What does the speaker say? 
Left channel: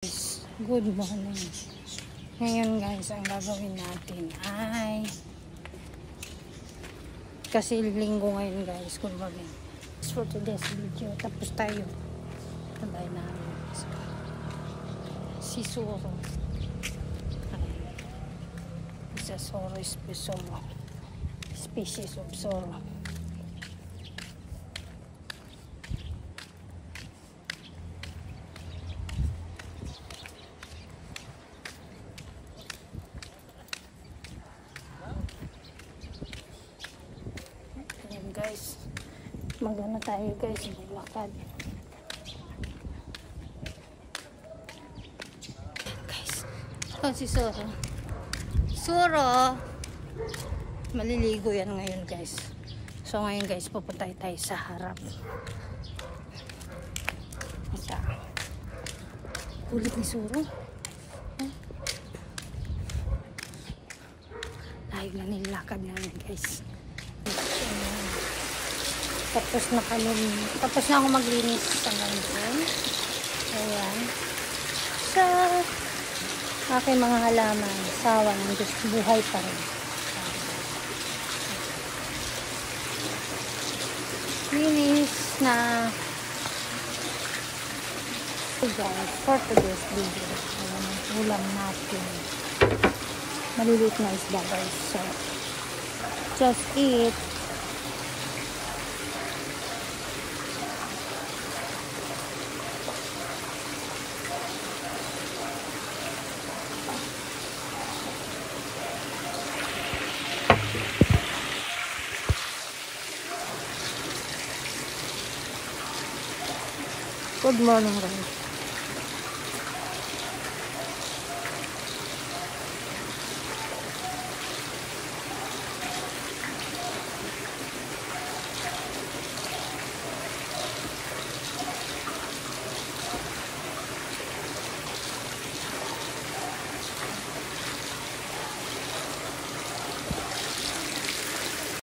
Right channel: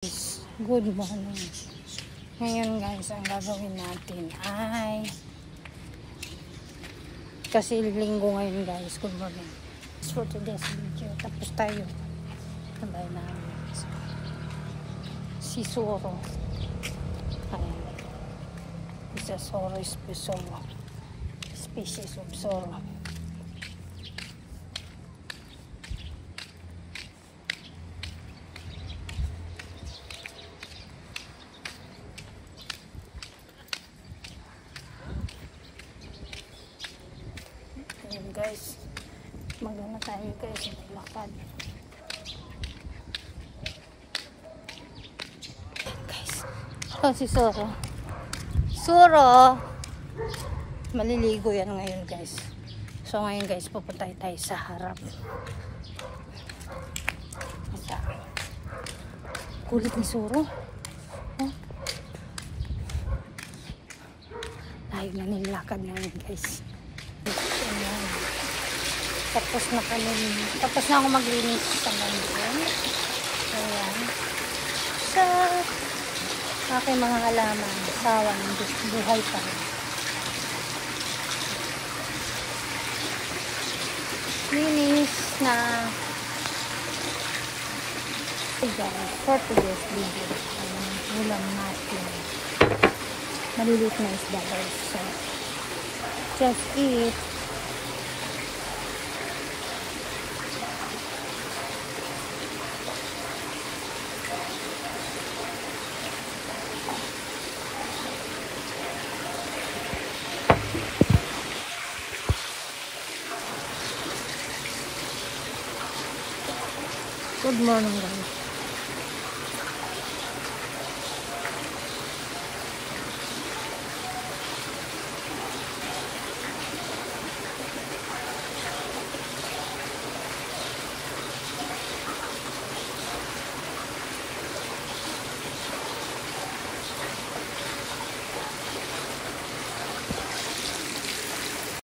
Good morning. Ngayon guys, ang gagawin natin ay kasi linggo ngayon guys. Good morning. For today's video, tapos tayo sabay namin si Soro. Isa Soro species of Soro. Ayan guys, magana tayo guys, maglakad. Guys, si Soro. Soro! Maliligo yan ngayon guys. So ngayon guys, pupunta tayo sa harap. Masa. Kulit ni Soro. Layo na nilakad namin guys. Ayan. Tapos na ako maglinis hanggang doon. Ayan. Sa aking mga halaman, sawa ng buhay pa rin. Linis na. Guys, for today's video, ayan ang ulam natin. Maliliit na isda guys. So, just eat. Good morning guys.